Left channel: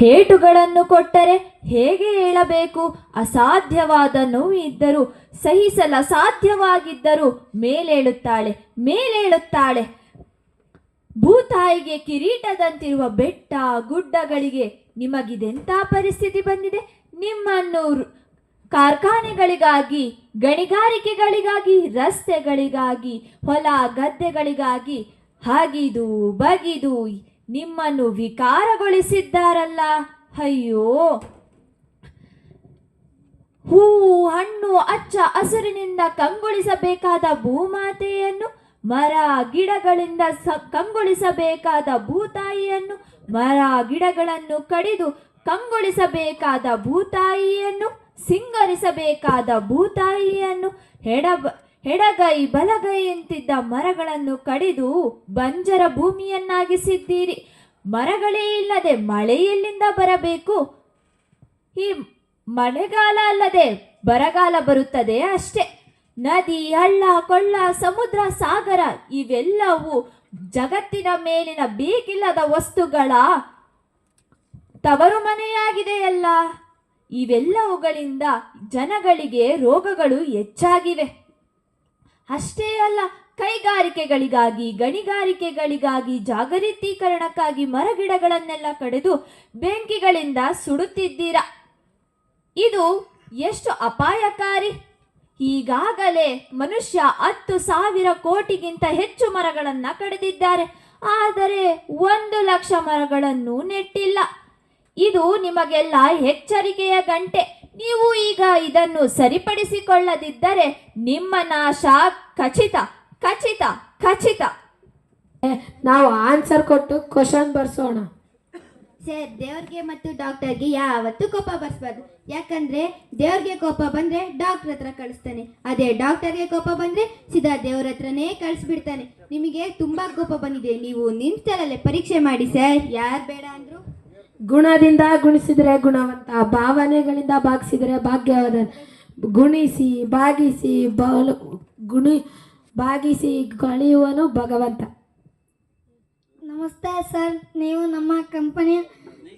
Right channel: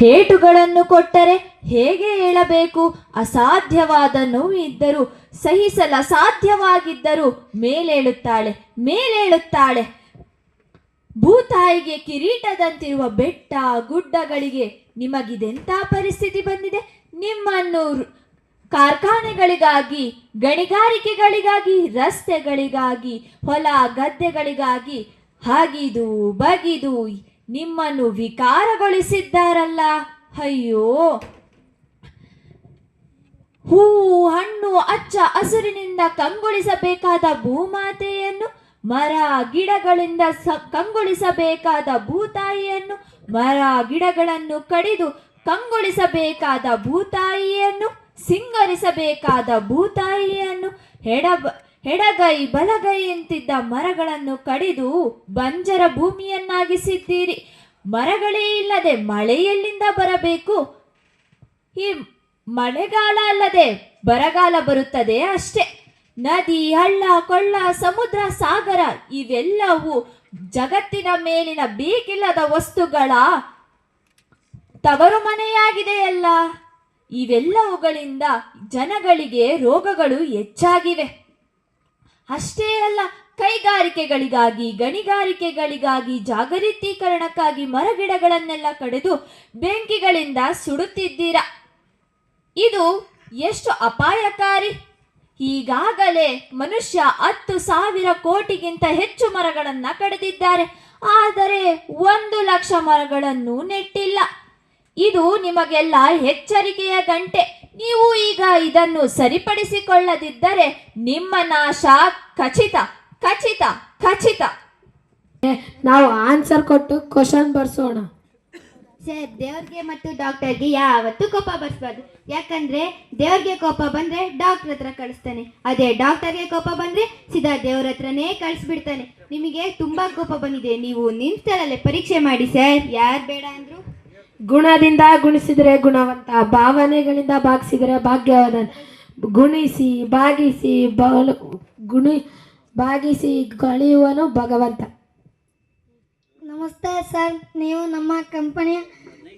ಹೇಟುಗಳನ್ನು ಕೊಟ್ಟರೆ ಹೇಗೆ ಹೇಳಬೇಕು? ಅಸಾಧ್ಯವಾದ ನೋವು ಇದ್ದರೂ ಸಹಿಸಲು ಅಸಾಧ್ಯವಾಗಿದ್ದರೂ ಮೇಲೇಳುತ್ತಾಳೆ ಮೇಲೇಳುತ್ತಾಳೆ. ಭೂತಾಯಿಗೆ ಕಿರೀಟದಂತಿರುವ ಬೆಟ್ಟ ಗುಡ್ಡಗಳಿಗೆ ನಿಮಗಿದೆಂಥ ಪರಿಸ್ಥಿತಿ ಬಂದಿದೆ? ನಿಮ್ಮನ್ನು ಕಾರ್ಖಾನೆಗಳಿಗಾಗಿ, ಗಣಿಗಾರಿಕೆಗಳಿಗಾಗಿ, ರಸ್ತೆಗಳಿಗಾಗಿ, ಹೊಲ ಗದ್ದೆಗಳಿಗಾಗಿ ಹಗಿದು ಬಗಿದು ನಿಮ್ಮನ್ನು ವಿಕಾರಗೊಳಿಸಿದ್ದಾರಲ್ಲ. ಅಯ್ಯೋ, ಹೂವು ಹಣ್ಣು ಹಚ್ಚ ಹಸುರಿನಿಂದ ಕಂಗೊಳಿಸಬೇಕಾದ ಭೂಮಾತೆಯನ್ನು, ಮರ ಗಿಡಗಳಿಂದ ಕಂಗೊಳಿಸಬೇಕಾದ ಭೂತಾಯಿಯನ್ನು, ಮರ ಗಿಡಗಳನ್ನು ಕಡಿದು ಕಂಗೊಳಿಸಬೇಕಾದ ಭೂತಾಯಿಯನ್ನು, ಸಿಂಗರಿಸಬೇಕಾದ ಭೂತಾಯಿಯನ್ನು, ಎಡಗೈ ಬಲಗೈ ಎಂತಿದ್ದ ಮರಗಳನ್ನು ಕಡಿದು ಬಂಜರ ಭೂಮಿಯನ್ನಾಗಿಸಿದ್ದೀರಿ. ಮರಗಳೇ ಇಲ್ಲದೆ ಮಳೆ ಎಲ್ಲಿಂದ ಬರಬೇಕು? ಈ ಮಳೆಗಾಲ ಅಲ್ಲದೆ ಬರಗಾಲ ಬರುತ್ತದೆ ಅಷ್ಟೇ. ನದಿ, ಹಳ್ಳ, ಕೊಳ್ಳ, ಸಮುದ್ರ, ಸಾಗರ ಇವೆಲ್ಲವೂ ಜಗತ್ತಿನ ಮೇಲಿನ ಬೇಕಿಲ್ಲದ ವಸ್ತುಗಳ ತವರು ಮನೆಯಾಗಿದೆಯಲ್ಲ. ಇವೆಲ್ಲವುಗಳಿಂದ ಜನಗಳಿಗೆ ರೋಗಗಳು ಹೆಚ್ಚಾಗಿವೆ. ಅಷ್ಟೇ ಅಲ್ಲ, ಕೈಗಾರಿಕೆಗಳಿಗಾಗಿ, ಗಣಿಗಾರಿಕೆಗಳಿಗಾಗಿ, ಜಾಗತೀಕರಣಕ್ಕಾಗಿ ಮರಗಿಡಗಳನ್ನೆಲ್ಲ ಕಡಿದು ಬೆಂಕಿಗಳಿಂದ ಸುಡುತ್ತಿದ್ದೀರಾ. ಇದು ಎಷ್ಟು ಅಪಾಯಕಾರಿ! ಈಗಾಗಲೇ ಮನುಷ್ಯ 10,000 ಕೋಟಿಗಿಂತ ಹೆಚ್ಚು ಮರಗಳನ್ನು ಕಡಿದಿದ್ದಾರೆ. ಆದರೆ 1,00,000 ಮರಗಳನ್ನು ನೆಟ್ಟಿಲ್ಲ. ಇದು ನಿಮಗೆಲ್ಲ ಎಚ್ಚರಿಕೆಯ ಗಂಟೆ. ನೀವು ಈಗ ಇದನ್ನು ಸರಿಪಡಿಸಿಕೊಳ್ಳದಿದ್ದರೆ ನಿಮ್ಮ ನಾಶ ಖಚಿತ ಖಚಿತ ಖಚಿತ. ನಾವು ಆನ್ಸರ್ ಕೊಟ್ಟು ಕ್ವಶನ್ ಬರ್ಸೋಣ. ಸರ್, ದೇವ್ರಿಗೆ ಮತ್ತು ಡಾಕ್ಟರ್ಗೆ ಯಾವತ್ತೂ ಕೋಪ ಬರ್ಸ್ಬಾರ್ದು. ಯಾಕಂದ್ರೆ ದೇವ್ರಿಗೆ ಕೋಪ ಬಂದ್ರೆ ಡಾಕ್ಟರ್ ಹತ್ರ ಕಳಿಸ್ತಾನೆ, ಅದೇ ಡಾಕ್ಟರ್ಗೆ ಕೋಪ ಬಂದ್ರೆ ಸೀದಾ ದೇವ್ರ ಹತ್ರನೇ ಕಳಿಸ್ಬಿಡ್ತಾನೆ. ನಿಮಗೆ ತುಂಬಾ ಕೋಪ ಬಂದಿದೆ, ನೀವು ನಿಮ್ಸಲಲ್ಲೇ ಪರೀಕ್ಷೆ ಮಾಡಿ ಸರ್. ಯಾರು ಬೇಡ ಅಂದ್ರು? ಗುಣದಿಂದ ಗುಣಿಸಿದರೆ ಗುಣವಂತ, ಭಾವನೆಗಳಿಂದ ಭಾಗಿಸಿದರೆ ಭಾಗ್ಯವಾದ. ಗುಣಿಸಿ ಭಾಗಿಸಿ ಭಾಗಿಸಿ ಕಳೆಯುವನು ಭಗವಂತ. ನಮಸ್ತೆ ಸರ್, ನೀವು ನಮ್ಮ ಕಂಪನಿಯ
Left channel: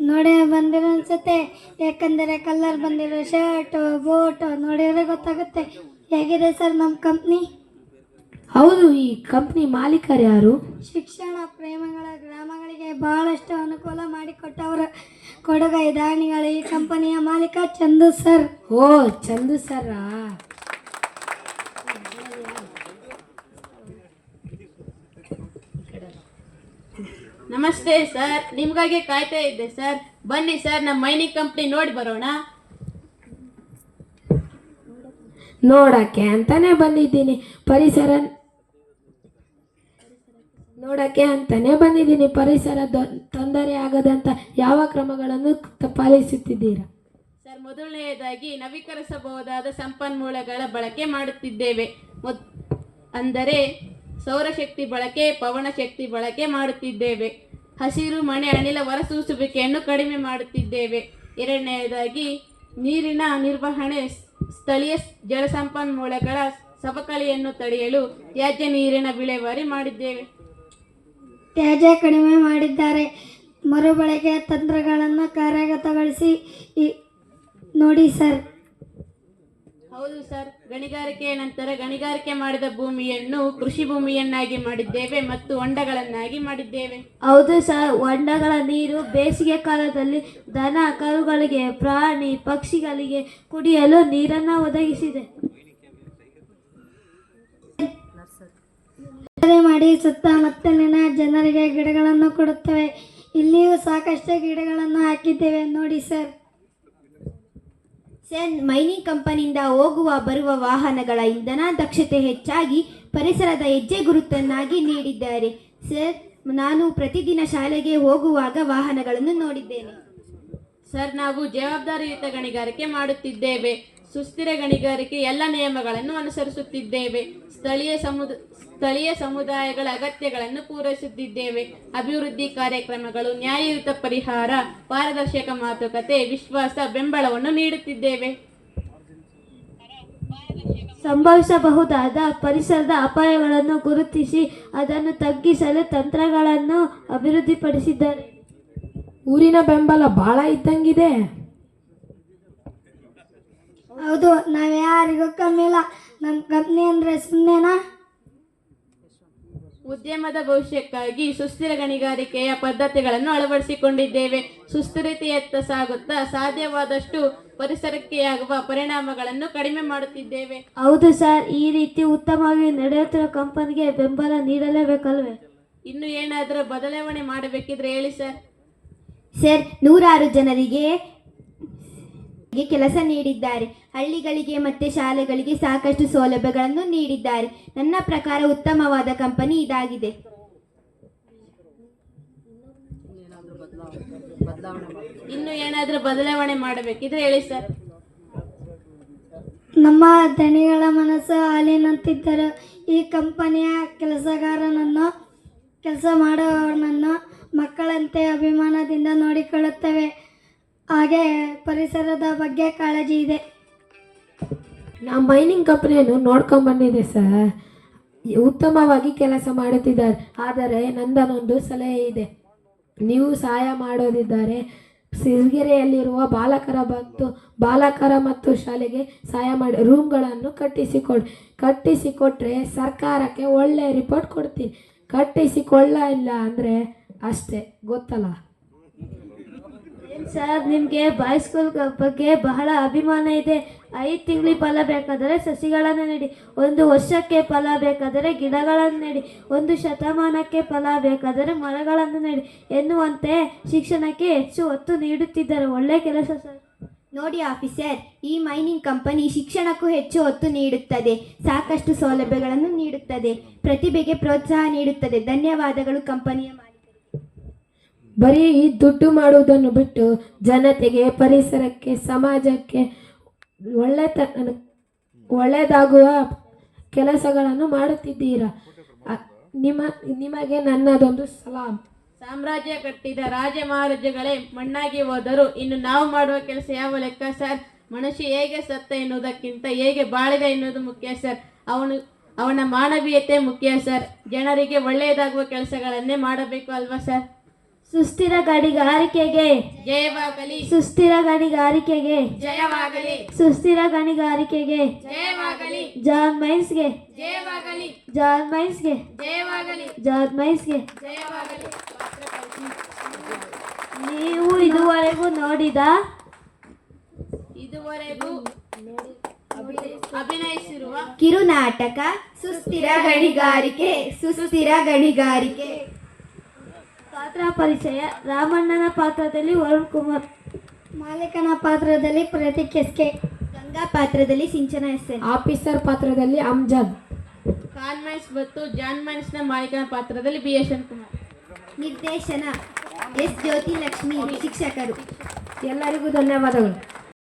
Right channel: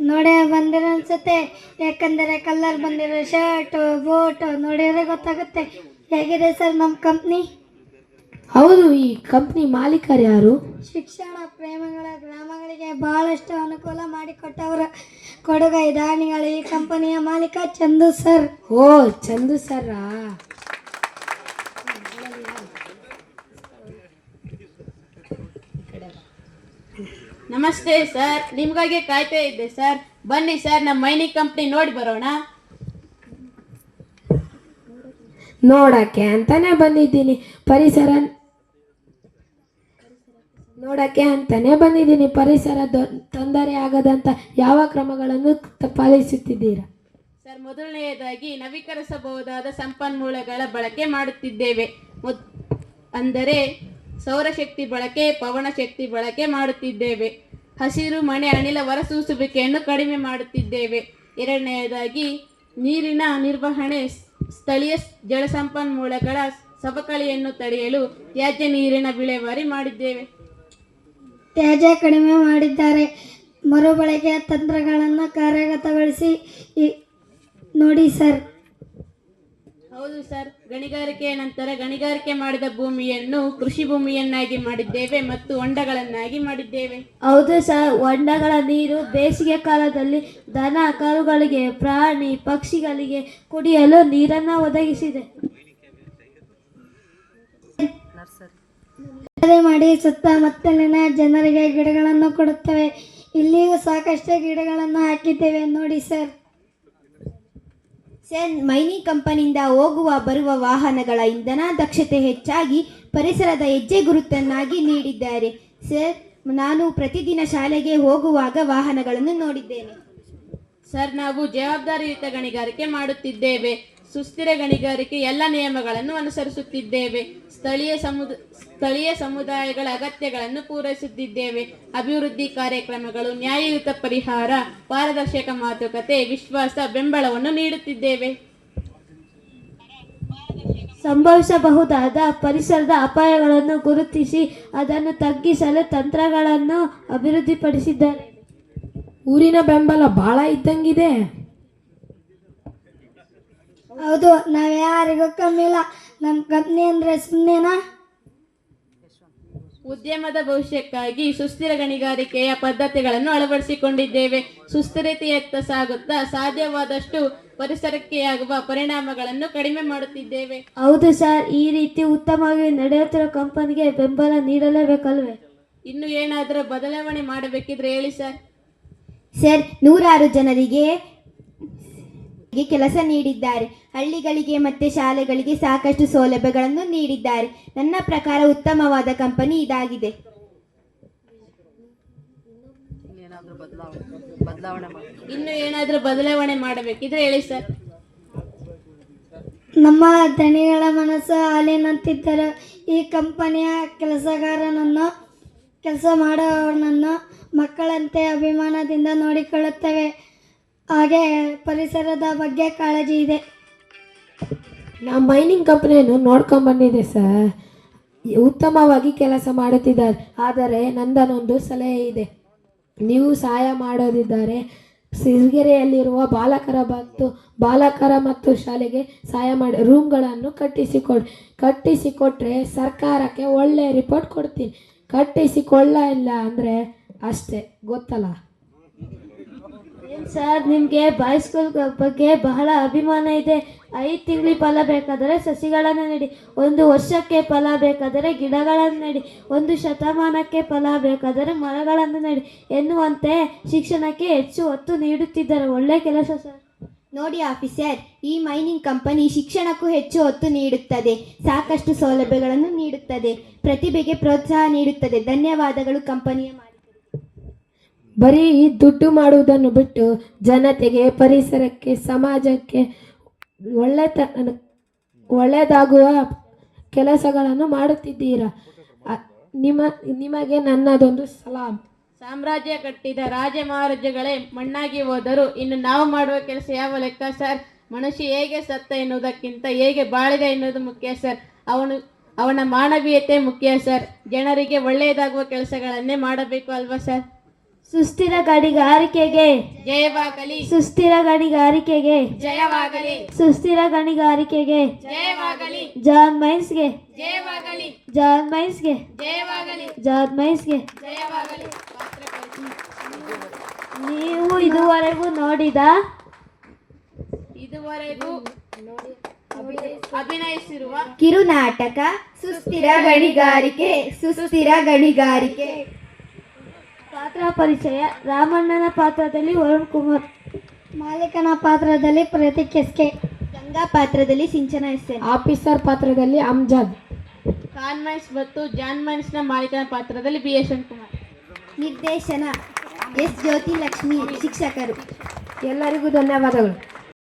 ನೋಡೇ ಬಂದಿರೋ ಅನ್ಸುತ್ತೆ. ಯಾಕಂದರೆ ಕಲರ್ ಬಂದಿರೋ ಶರ್ಟು ಬೋಟು ನೋಡಿದ್ರೆ ಗೊತ್ತಾಗುತ್ತೆ. ಹೇಗಿದೆ ಸರ್ ನಮ್ಮ ಕಂಪ್ನಿ? ಹೌದು, ಈ ಕಂಪ್ನಿ ಮಾಲೀಕರು ಯಾರು? ಶಿಕ್ಷಣ ಪ್ರೇಮಿಗಳ ಗ್ರಾಮಗಳಿಗೆ ಬಹಳಷ್ಟು ಅನುಕೂಲ ಮಾಡಿಕೊಟ್ಟವರ ಕೊಡುಗೈ ದಾನಿಗಳು ಈ ಕಂಪನಿಯ ಮಾಲೀಕ ಚಂದು ಸರ್. ಓ, ಚಂದು ಸರ್. ನಮಸ್ತೆ ಸರ್, ನಿಮ್ಗಾಗಿ ಕಾಯ್ತಾ ಇದ್ದೆ ಸರ್. ಬನ್ನಿ ಸರ್, ನಮ್ಮ ಮೈನಿಂಗ್ ಕಂಪ್ನಿ ನೋಡಿ ಬರೋಣ. ನೋಡಕ್ಕೆ ಅಂತಾನೆ ಬಂದಿದ್ದೀನಿ. ಪರಿಸರ ತೊಂದರೆ ಆಗದಂತ ಯಾವ ಕ್ರಮಗಳನ್ನು ಪಾಲಿಸುತ್ತಿದ್ದೀರಾ? ಸರ್, ಮೊದಲನೆಯದಾಗಿ ನವೀಕರಿಸಬಹುದಾದ ಸಂಪನ್ಮೂಲಗಳ ಬಳಕೆ ಮಾಡುತ್ತಿದ್ದೇವೆ. ಅಂದರೆ ಸೌರಶಕ್ತಿ ಬಳಕೆ, ಪವನ ಶಕ್ತಿ ಬಳಕೆ ಮಾಡುತ್ತಿದ್ದೇವೆ. ಹಸಿರು ಮನೆ ಅನಿಲ ಹೊರಸೂಸುವಿಕೆಯನ್ನು ಕಡಿಮೆ ಮಾಡುತ್ತಿದ್ದೇವೆ. ಎರಡನೆಯದಾಗಿ ನೀರಿನ ನಿರ್ವಹಣೆ, ಸ್ಥಳೀಯ ಜಲಸಂಪನ್ಮೂಲಗಳ ಸವಕಳಿಯನ್ನು ತಡೆಯಲು ತ್ಯಾಜ್ಯ ನೀರಿನ ವಿಲೇವಾರಿ ಮಾಡಿದ್ದೇವೆ. ತ್ಯಾಜ್ಯ ಕಡಿಮೆ ಮಾಡಿದ್ದಾರೆ. ಮರುಬಳಕೆ ತಂತ್ರಗಳನ್ನು ಕಾರ್ಯಗತಗೊಳಿಸಿ ನೋಡಿ ಸರ್. ಹೌದು ಸರ್, ಗಣಿಗಾರಿಕೆಯ ನಂತರ ಗಣಿಗಾರಿಕೆ ಮಾಡಿದ ಭೂಮಿಯನ್ನು ಕೃಷಿ ಭೂಮಿಯನ್ನಾಗಿ ಮಾಡಿದ್ದೇವೆ ಮತ್ತು ಹೊಂಡಗಳನ್ನಾಗಿ ಮಾಡಿದ್ದೇವೆ. ಹೌದು ಸರ್, ಹೊಂಡಗಳ ನೀರು ಬೇಸಿಗೆ ಕಾಲದಲ್ಲಿ ದನ ಕರುಗಳಿಗೆ, ಪ್ರಾಣಿ ಪಕ್ಷಿಗಳಿಗೆ ಕುಡಿಯಲು ನೀರನ್ನು ಒದಗಿಸಿದೆ. ಮಾಡಿ ಸುತ್ತಮುತ್ತಲಿನ ಜನರಿಗೆ ಗಿಡಗಳನ್ನು ಕೊಡುತ್ತೇವೆ. ಇಲ್ಲಿಯೂ ಸಾಕಷ್ಟು ಗಿಡಗಳನ್ನು ಹಾಕಿದ್ದೇವೆ ನೋಡಿ ಸರ್. ಸರ್, ಮೈನಿಂಗ್ ಕಂಪನಿಯಿಂದ ಹೋಗುವ ಬರುವ ವಾಹನಗಳ ಇಂಧನ ದಕ್ಷತೆ ಹೆಚ್ಚಾಗಿ ಪರಿಸರದ ಹೆಜ್ಜೆ ಗುರುತನ್ನಾಗಿ ನೀಡಿದ್ದಾರೆ. ಸರ್, ನಾನು ಪ್ರತಿದಿನ ಶಾಲೆಗೆ ಹೋಗುವಾಗ ವಾಹನಗಳನ್ನು ನೋಡಿದ್ದೇನೆ. ಸರ್, ನಾವು ಜವಾಬ್ದಾರಿಯುತ ಗಣಿಗಾರಿಕೆ ಮಾಡುತ್ತಿದ್ದೇವೆ. ಸುಸ್ಥಿರ ಗಣಿಗಾರಿಕೆ ಎಲ್ಲ ನಿಯಮಗಳನ್ನು ಅನುಸರಿಸುತ್ತಿದ್ದೇವೆ. ಸ್ಥಳೀಯ ಸಮುದಾಯಗಳ ಅಗತ್ಯಗಳನ್ನು ಪೂರೈಸುತ್ತಿದ್ದೇವೆ. ಅಭಿವೃದ್ಧಿ ಕಾರ್ಯಕ್ರಮಗಳು, ನ್ಯಾಯಯುತ ಪರಿಹಾರ, ಪಾರದರ್ಶಕ ಮಾತುಕತೆ, ವಿಶ್ವಾಸ, ಬೆಂಬಲವನ್ನು ನೀಡುತ್ತಿದ್ದೇವೆ. ಸಂಭವಿಸಬಹುದಾದ ಪರಿಸರದ ಅಪಾಯಗಳನ್ನು ಗುರುತಿಸಿ ಅದನ್ನು ತಗ್ಗಿಸಲು ತಂತ್ರಗಳನ್ನು ಅಭಿವೃದ್ಧಿಪಡಿಸಿದ್ದಾರೆ. ಊರಿನ ಬೆಂಬಲ ಭಾಳ ಇದ್ದಂಗಿದೆ. ಹೌದು, ನಾವು ಯಾರಿಗೂ ಕಮ್ಮಿ ಇಲ್ಲ. ನಮ್ಮ ಕಂಪ್ನಿ ಅಂದರೆ ಸುಮ್ಮನೆನಾ? ಉದ್ಯಮದ ಭವಿಷ್ಯಕ್ಕಾಗಿ ಸುಸ್ಥಿರ ಗಣಿಗಾರಿಕೆಯ ಪದ್ಧತಿಗಳನ್ನು ಅಳವಡಿಸಿಕೊಂಡಿದ್ದೇವೆ. ಸುಸ್ಥಿರತೆಯತ್ತ ಸಾಗುತ್ತಾ ಸಾಧ್ಯವಾದಷ್ಟು ಪರಿಸರಕ್ಕೆ ಆಗುವ ಪರಿಣಾಮಗಳನ್ನು ಕಡಿಮೆ ಮಾಡುತ್ತಿದ್ದೇವೆ. ಹೌದು ಸರ್, ಈ ರೀತಿ ಉತ್ತಮವಾಗಿ ನಡೆಯುತ್ತಿರುವ ಕಂಪನಿಗೆ ಬೆಂಬಲ ನೀಡಲೇಬೇಕಲ್ವೇ? ಇನ್ನು ಏನಾದರೂ ಬದಲಾವಣೆ ಮಾಡಬೇಕಿದ್ರೆ ಹೇಳಿ ಸರ್. ಸರ್, 106 ಜನರಿಗೆ ಕೆಲಸ ನೀಡಿದ್ದಾರೆ. ಹಳ್ಳಿಗಳಿಗೆ ಮತ್ತು ಶಾಲೆಗಳಿಗೆ ಸಾಕಷ್ಟು ಸೌಲಭ್ಯಗಳನ್ನು ನೀಡಿದ್ದಾರೆ. ನನ್ನ ಪ್ರಕಾರ ಉತ್ತಮವಾದ ಕಂಪನಿ ಇದಾಗಿದೆ. ಇನ್ನು ಏನಾದರೂ ಬದಲಾವಣೆ ಮಾಡಬೇಕಿದ್ರೆ ಹೇಳಿ ಸರ್. ನಮ್ಮ ದಣಿಗಳ ಮನಸ್ಸು ಹಾಲಿನಂತಿದ್ದರು. ಈ ಕಂಪನಿಯ ಕೆಲಸ ಮಾಡುವವರನ್ನು ಮಕ್ಕಳಂತೆ ಅಭಿಮಾನದಿಂದ ನೋಡಿಕೊಳ್ಳುತ್ತೇವೆ. ಹಾಗೆ ಪರಿಸರದ ಬಗ್ಗೆ ಕಾಳಜಿ ಇದೆ. ನಮ್ಮ ಮೈನಿಂಗ್ ಕಂಪ್ನಿಯನ್ನು ನೋಡ್ಕೊಂಬಂದಿದೆ ಸರ್. ಉತ್ತಮವಾಗಿ ಕೆಲಸ ಮಾಡುತ್ತಿದ್ದಾರೆ. ಆದರೆ ನಂದನೊಂದು ಸಲಹೆ ಇದೆ. ನೀವು ಸಹಾಯ ಮಾಡೋದಿದ್ದಾರೆ ಸಿರಿಗೆರೆಯಲ್ಲಿರುವ ಬಾಲಕರ ಮತ್ತು ಶಾಲೆಗೆ ಸಹಾಯ ಮಾಡಿ ರೂಮ್ಗಳನ್ನು ಕಟ್ಟಿಸಿಕೊಟ್ರೆ ಸರ್ಕಾರಕ್ಕೆ ಒಳ್ಳೆ ರಿಪೋರ್ಟ್ ಕೊಡ್ತೀನಿ. ಕಟ್ಟಿಸಿಕೊಳ್ಳಿಲ್ಲ ಅಂದರೆ ಅಷ್ಟೇ, ಗೊತ್ತಲ್ಲ ಸರ್, ನಿಮಗೆ ಬಾಯ್ಸ್ ಸ್ಕೂಲ್ ಬಗ್ಗೆ ಬಹಳ ಅಭಿಮಾನ ಇದೆ. 5 ತಿಂಗಳಿಗೆ ಫಲ ಬೇಕಾದರೆ ಸಸಿಗಳನ್ನು ನೆಡಿ, 1 ವರ್ಷಕ್ಕೆ ಫಲ ಬೇಕಾದರೆ ಗಿಡಗಳನ್ನು ನೆಡಿ, 1 ಶತಮಾನಕ್ಕೆ ಫಲ ಬೇಕಾದರೆ ಮರಗಳನ್ನು ನೆಡಿ ಎನ್ನುವಂತೆ ಶಿಕ್ಷಣಕ್ಕೆ ಹೆಚ್ಚು ಒತ್ತು ನೀಡುತ್ತಿದ್ದಾರೆ. ಒಳ್ಳೆ ಕೆಲಸ ಸರ್. ನೋಡಿ ಆಫೀಸರ್, ಈ ಮೈನಿಂಗ್ ಕಂಪನಿ ಶಿಕ್ಷಣಕ್ಕೂ ಹೆಚ್ಚು ಒತ್ತು ನೀಡುತ್ತದೆ. ಸಾಕಷ್ಟು ಸೌಲಭ್ಯಗಳನ್ನು ನೀಡುತ್ತದೆ. ಪ್ರತಿಭೆಗೆ ಪ್ರೋತ್ಸಾಹ ನೀಡುತ್ತದೆ. ಧನ್ಯವಾದಗಳು ಕಂಪನಿಯ ಮಾಲೀಕರಿಗೆ. ಬರೀ ದುಡ್ಡು ಮಾಡುವುದನ್ನು ಬಿಟ್ಟು ಜನತೆಗೆ, ಪರಿಸರಕ್ಕೆ, ಸಮಾಜಕ್ಕೆ ಒಳ್ಳೆಯದಾಗುವ ಕೆಲಸಗಳನ್ನು ಮಾಡುತ್ತಿದ್ದೀರಾ. ನಿಮಗೆ ನನ್ನದೊಂದು ಸಲಾಂ. ಸಾಮ್ರಾಜ್ಯ ಕಟ್ಟಿದ ರಾಜ ಮಹಾರಾಜಗಳೇ ಮಣ್ಣಾಗಿ ಹೋದರು. ಇನ್ನು ನಾವು ಮಾಡುವ ಕೆಲಸ ಯಾವ ಲೆಕ್ಕ ಸರ್? ಮನುಷ್ಯ ಹೇಗೆ ಸತ್ತ ಎನ್ನುವುದಕ್ಕಿಂತ ಹೇಗೆ ಬಾಳಿದ ಎನ್ನುವುದು ಮುಖ್ಯ ಸರ್. ಅವನ ಮಾನವೀಯತೆ ಮುಖ್ಯ ಸರ್. ಜನರಿಗೆ ಒಳ್ಳೆಯದಾಗುವ ಕೆಲಸಗಳನ್ನೇ ಮಾಡಬೇಕು ಅಲ್ವಾ ಸರ್? ಸುಸ್ಥಿರ ಗಣಿಗಾರಿಕೆಗೆ ಜಯವಾಗಲಿ. ಸುಸ್ಥಿರ ಗಣಿಗಾರಿಕೆಗೆ ಜಯವಾಗಲಿ. ಸುಸ್ಥಿರ ಗಣಿಗಾರಿಕೆಗೆ ಜಯವಾಗಲಿ. ಜಾನ್ ಮೈನ್ಸ್ಗೆ ಜಯವಾಗಲಿ. ಜಾನ್ ಮೈನ್ಸ್ಗೆ ಜಯವಾಗಲಿ. ಜಾನ್ ಮೈನ್ಸ್ಗೆ. ಜಯವಾಗಲಿ. ನೀವು ಇದುವರೆಗೂ ಅಭಿನಯಿಸಿರುವ ಕಿರುನಾಟಕ ಸುಸ್ಥಿರ ಗಣಿಗಾರಿಕೆ. ಸುಸ್ಥಿರ ಗಣಿಗಾರಿಕೆ ಪಾತ್ರ ಪರಿಚಯ: ರಾಮಣ್ಣನ ಪಾತ್ರದಲ್ಲಿ ವರುಣ್ ಕುಮಾರ್, ಮಾಲೀಕನ ಪಾತ್ರದಲ್ಲಿ ಪ್ರತೀಕ್ ಎಸ್ಕೆ, ಗಂಗಾ ಪಾತ್ರದಲ್ಲಿ ಸಿಂಚನಾ ಎಸ್ಎನ್, ಆಫೀಸರ್ ಪಾತ್ರದಲ್ಲಿ ಅಮ್ಜದ್, ಕಾನ್ಮೈನ್ಸ್ ಮತ್ತು ಜಾನ್ ಮೈನ್ಸ್ನ ಮಾಲೀಕನ ಪಾತ್ರದಲ್ಲಿ BS ಕುಮಾರ್. ನಿರ್ದೇಶನ S ಜ್ಯೋತಿ ಲಕ್ಷ್ಮಿ. ಶಿಕ್ಷಕರು ಎಲ್ಲರಿಗೂ ಧನ್ಯವಾದಗಳು.